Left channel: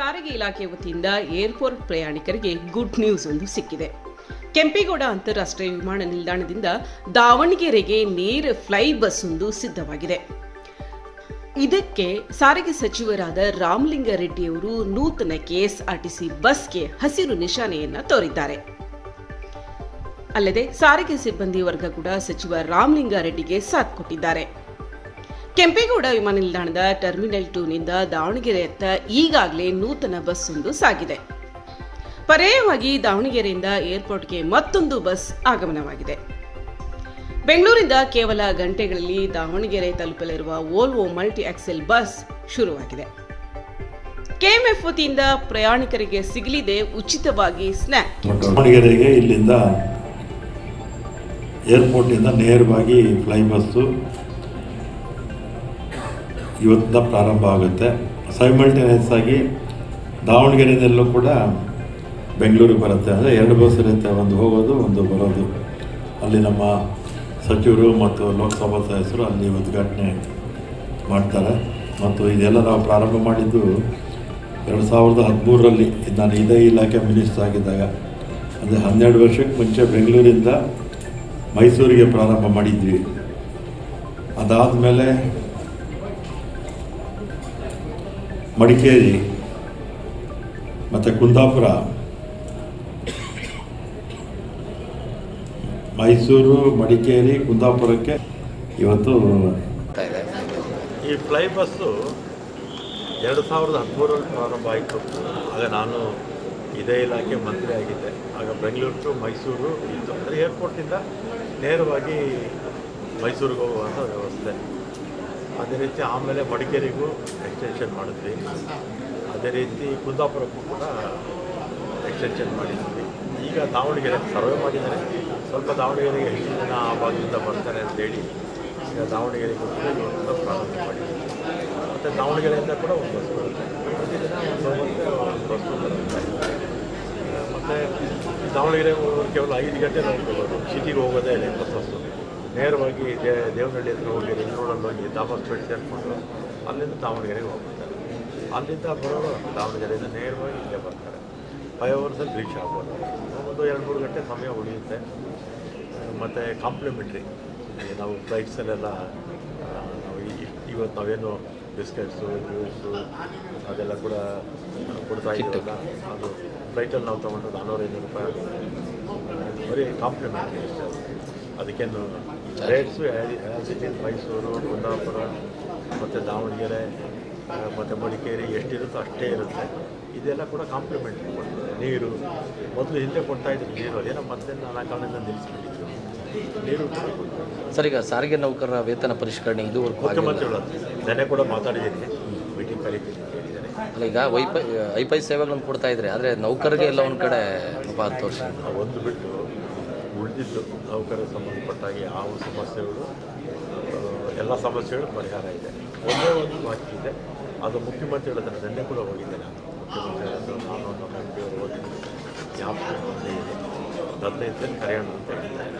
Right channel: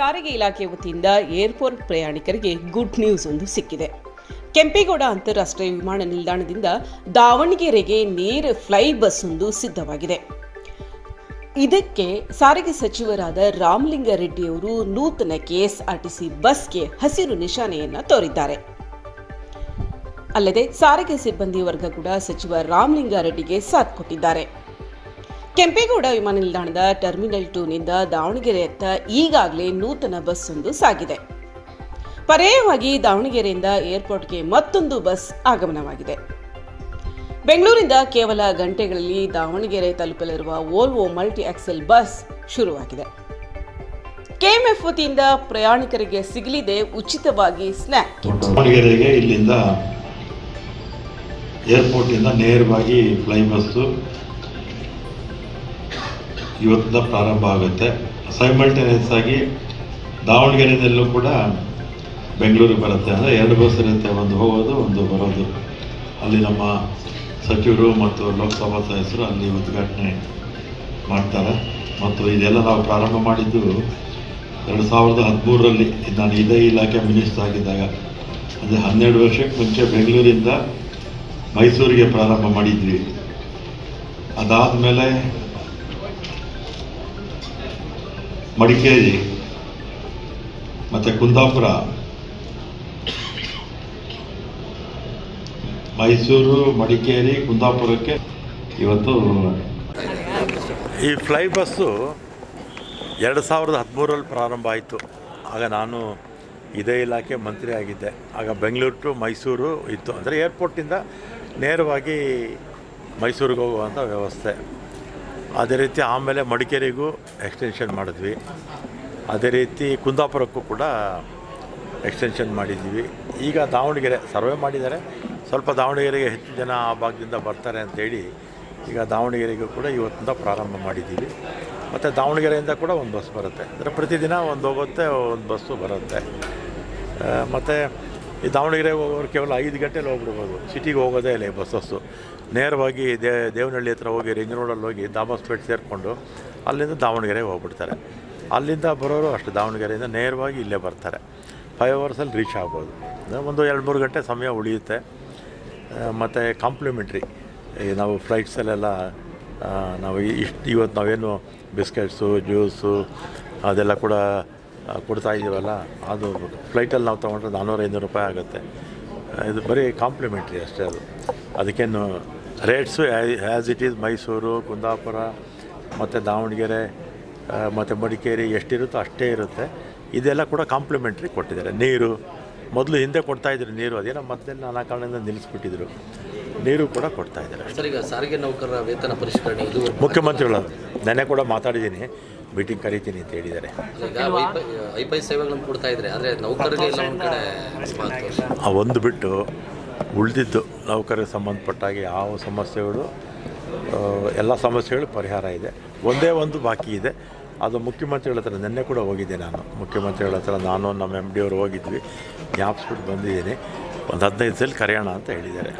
ಸಾರಿಗೆ ಇಲಾಖೆ ವತಿಯಿಂದ ಏರ್ಪೋರ್ಟ್ ಪ್ರಯಾಣಿಕರಿಗೆ ಗುಡ್ ನ್ಯೂಸ್ ಒಂದು ಸಿಕ್ಕಿದೆ. ಕೆಂಪೇಗೌಡ ಅಂತಾರಾಷ್ಟ್ರೀಯ ವಿಮಾನ ನಿಲ್ದಾಣದಿಂದ ದಾವಣಗೆರೆಗೆ ನೇರ ಫ್ಲೈ ಬಸ್ ಒಂದು ಸಿದ್ಧವಾಗಿದೆ. ಇದಕ್ಕೆ ಸಾರಿಗೆ ಸಚಿವರಾದ ರಾಮಲಿಂಗಾರೆಡ್ಡಿಯವರು ನೂತನ ಕೆಎಸ್ಆರ್ಟಿಸಿ ಬಸ್ಗೆ ಹಸಿರು ನಿಶಾನೆಯನ್ನ ತೋರಿದ್ದಾರೆ. ಅಲ್ಲದೆ ಸಾರಿಗೆ ಸಿಬ್ಬಂದಿ ವರ್ಗ ಕೂಡ ಸಚಿವ ರಾಮಲಿಂಗಾರೆಡ್ಡಿಗೆ ಸಾಥ್ ಕೊಟ್ಟಿದ್ದಾರೆ. ಕೆಂಪೇಗೌಡ ವಿಮಾನ ನಿಲ್ದಾಣದ ಟರ್ಮಿನಲ್ ಟೂನಿಂದ ದಾವಣಗೆರೆಯತ್ತ ಈಗಾಗಲೇ ನೂತನ ಬಸ್ ಒಂದು ಸಾಗಿದೆ. ಪರ್ಯಾಯವಾಗಿ ದಾವಣಗೆರೆಯಿಂದ ಏರ್ಪೋರ್ಟ್ಗೆ ಮತ್ತೊಂದು ಬಸ್ ಆಗಮನವಾಗಿದೆ. ಬೆಂಗಳೂರಿಂದ ಕೇವಲ ಗಂಟೆಗಳಲ್ಲಿ ದಾವಣಗೆರೆ ತಲುಪಲಿರುವ ವೋಲ್ವೋ ಮಲ್ಟಿ ಆಕ್ಸೆಲ್ ಬಸ್ ಶುರುವಾಗಿದೆ. ಕೆಎಂಎಫ್ ವತಿಯಿಂದ ಪ್ರಯಾಣಿಕರಿಗೆ ಸಿಗಲಿದೆ ಉಚಿತವಾಗಿ ಸ್ನ್ಯಾಕ್ ದಾವಣಗೆರೆಗೆ ಇಲ್ಲಿಂದ ಏರ್ಪೋರ್ಟಿಂದ ನೇರವಾಗಿ ಫ್ಲೈ ಬಸ್ಸು ಇವತ್ತಿಂದ ಪ್ರಾರಂಭ ಆಗುತ್ತೆ. ಸೈಮಲ್ಟೇನಿಯಸ್ ಆಗಿ ದಾವಣಗೆರೆಯಲ್ಲೂ ಕೂಡ ಬೆಂಗಳೂರಿಗೆ ಬರುತ್ತೆ. ಅಂದರೆ ಎರಡು ಬಸ್ ಇರುತ್ತೆ. ಒಂದು ಹೋಗೋದು, ಒಂದು ಬರೋದು. ಅಲ್ಲಿ ನಮ್ಮ ಸಚಿವರು ಮತ್ತು ಲೋಕಸಭಾ ಸದಸ್ಯರು ಅಲ್ಲಿ ಉದ್ಘಾಟನೆ ಮಾಡ್ತಾರೆ. ಮತ್ತು ಇದೆಲ್ಲ ನಾವು ಪ್ರಾರಂಭ ಮಾಡಿದ್ದು ಎರಡು ಸಾವಿರದ ಹದಿಮೂರರಲ್ಲಿ. ನಾನು ಇದೇ ಇಲಾಖೆ ಮಿನಿಸ್ಟರ್ ಆಗಿದ್ದಾಗ. ಅಂದರೆ ಹನ್ನೆರಡು ವರ್ಷಕ್ಕೆ ಮುಂಚೆ ಬೆಂಗಳೂರಿಂದ ಮೈಸೂರಿಗೆ ಪ್ರಾರಂಭ ಮಾಡಿದ್ವಿ. ಅದಾದಮೇಲೆ ಮಡಿಕೇರಿ ಮತ್ತು ಕುಂದಾಪುರ, ಮೈಸೂರು, ಮಡಿಕೇರಿ, ಕುಂದಾಪುರಕ್ಕೆ ಇವತ್ತು ಈ ಫ್ಲೈ ಬಸ್ಸು ಎರಡು ಸಾವಿರದ ಹದಿಮೂರರಲ್ಲಿ ಪ್ರಾರಂಭ ಆಯಿತು. ಆಗ ನಾನು ಇದೇ ಇಲಾಖೆ ಮಂತ್ರಿ ಆಗಿದ್ದೆ. ಆಗ ಬೆಂಗಳೂರು ಟು ಮೈಸೂರು ಇತ್ತು. ಅಂದರೆ ಏರ್ಪೋರ್ಟಿಂದ ನೇರವಾಗಿ ಮೈಸೂರಿಗೆ ಹೋಗುವಂಥ ವ್ಯವಸ್ಥೆ. ಅದೇ ರೀತಿ ಆಮೇಲೆ ಮಡಿಕೇರಿಗೂ ಎಕ್ಸ್ಟೆನ್ಷನ್ ಮಾಡಿದ್ವಿ. ಅದೇ ರೀತಿ ಕುಂದಾಪುರಕ್ಕೂ ಕೂಡ ಎಕ್ಸ್ಟೆನ್ಷನ್ ಮಾಡಿದ್ವಿ. ಈಗ ದಾವಣಗೆರೆ ಸರ್ವೆ ಮಾಡಿದ್ದಾರೆ. ಸ್ವಲ್ಪ ದಾವಣಗೆರೆಗೆ ಹೆಚ್ಚಿನ ಜನ ಆ ಭಾಗದಿಂದ ಬರ್ತಾರೆ ಅಂತೇಳಿ ಈಗ ದಾವಣಗೆರೆಗೂ ಕೂಡ ಇವತ್ತಿಂದ ಪ್ರಾರಂಭ ಮಾಡಿದ್ದೀವಿ. ಮತ್ತು ದಾವಣಗೆರೆಯಿಂದ ಕೂಡ ಒಂದು ಬಸ್ ಬರುತ್ತೆ. ಅಂದರೆ ಪ್ರತಿದಿನ ಒಂದು ಹೋಗುತ್ತೆ, ಒಂದು ಬಸ್ಸು ಬರುತ್ತೆ. ಮತ್ತು ಈ ದಾವಣಗೆರೆ ಕೇವಲ ಐದು ಗಂಟೆ ಹೋಗ್ಬಿಡ್ಬೋದು ಸಿಟಿಗೆ ಹೋಗೋದೇ ಇಲ್ಲ ಬಸ್ಸಸ್ಸು ನೇರವಾಗಿ ದೇ, ದೇವನಹಳ್ಳಿ ಹತ್ರ ಹೋಗಿ ರಿಂಗ್ ರೋಡಲ್ಲಿ ಹೋಗಿ ದಾಬಾಸ್ಪೇಟ್ ಸೇರಿಕೊಂಡು ಅಲ್ಲಿಂದ ದಾವಣಗೆರೆಗೆ ಹೋಗ್ಬಿಡ್ತಾರೆ. ಅಲ್ಲಿಂದ ಬರೋರು ಅಷ್ಟು ದಾವಣಗೆರೆಯಿಂದ ನೇರವಾಗಿ ಇಲ್ಲೇ ಬರ್ತಾರೆ. ಫೈವ್ ಅವರ್ಸಲ್ಲಿ ರೀಚ್ ಆಗ್ಬೋದು. ಒಂದು ಎರಡು ಮೂರು ಗಂಟೆ ಸಮಯ ಉಳಿಯುತ್ತೆ. ಮತ್ತು ಕಾಂಪ್ಲಿಮೆಂಟ್ರಿ. ನಾವು ಫ್ಲೈಟ್ಸಲ್ಲೆಲ್ಲ ನಾವು ಇಷ್ಟು, ಇವತ್ತು ನಾವೇನು ಬಿಸ್ಕೆಟ್ಸು, ಜ್ಯೂಸು, ಅದೆಲ್ಲ ಕೂಡ ಕೊಡ್ತಾ ಇದ್ದೀವಲ್ಲ, ಅದು ಫ್ಲೈಟಲ್ಲಿ ನಾವು ತೊಗೊಂಡ್ರೆ ನಾನ್ನೂರು ಐನೂರು ರೂಪಾಯಿ ಆಗುತ್ತೆ. ಇದು ಬರೀ ಕಾಂಪ್ಲಿಮೆಂಟ್ರಿ ಅಷ್ಟೇ ಅದು. ಅದಕ್ಕೇನು rates as it is Mysuru Kundapura ಮತ್ತು ದಾವಣಗೆರೆ ಮತ್ತು ಮಡಿಕೇರಿ ಎಷ್ಟಿರುತ್ತೋ ಅಷ್ಟೇ ಇರುತ್ತೆ. ಇದೆಲ್ಲ ಕೂಡ ಕಾಂಪ್ಲಿಮೆಂಟ್ರಿ ಕೊಟ್ಟಿದ್ದಾರೆ. ನೀರು ಮೊದಲು ಹಿಂದೆ ಕೊಡ್ತಾಯಿದ್ರು ನೀರು ಅದೇನೋ ಮತ್ತೆ ನಾನಾ ಕಾರಣದಿಂದ ನಿಲ್ಲಿಸ್ಬಿಟ್ಟಿದ್ರು. ನೀರು ಕೂಡ ಕೊಡ್ತಾ ಇದ್ದಾರೆ. ಸರ್ ಈಗ ಸಾರಿಗೆ ನೌಕರರ ವೇತನ ಪರಿಷ್ಕರಣೆ ಇದು ಮುಖ್ಯಮಂತ್ರಿಗಳು ನೆನೆ ಕೂಡ ಮಾತಾಡಿದ್ದೀನಿ. ಮೀಟಿಂಗ್ ಕರೀತೀನಿ ಅಂತ ಹೇಳಿದ್ದಾರೆ. ಈಗ ವೈಫೈ ವೈಫೈ ಸೇವೆಗಳನ್ನು ಕೊಡ್ತಾ ಇದ್ದಾರೆ ಆದರೆ ನೌಕರರಿಗೆ ಎಲ್ಲ ಒಂದು ಕಡೆ ಆ ಒಂದು ಬಿಟ್ಟು ಉಳಿದಿದ್ದು ನೌಕರಿಗೆ ಸಂಬಂಧಪಟ್ಟಾಗಿ ಯಾವ ಸಮಸ್ಯೆಗಳು ಎಲ್ಲ ಸಮಸ್ಯೆಗಳು ಪರಿಹಾರ ಇದೆ. ಒಂದೇ ಒಂದು ಬಾಕಿ ಇದೆ. ಅದು ಮುಖ್ಯಮಂತ್ರಿಗಳ ಹತ್ರ ನಿನ್ನೆ ಕೂಡ ಹೋಗಿದ್ದೆ ನಾನು. ಮುಖ್ಯಮಂತ್ರಿಗಳ ಹತ್ರ ನಾನು ನಮ್ಮ ಎಂ ಡಿ ಅವರು ಹೋಗಿದ್ವಿ. ಜ್ಞಾಪಿಸ್ಬಿಟ್ಟು ಬಂದಿದ್ದೀನಿ. ಒಂದು ಹದಿನೈದು ಸಲ ಕರೆಯೋಣ ಅಂತ ಹೇಳಿದ್ದಾರೆ.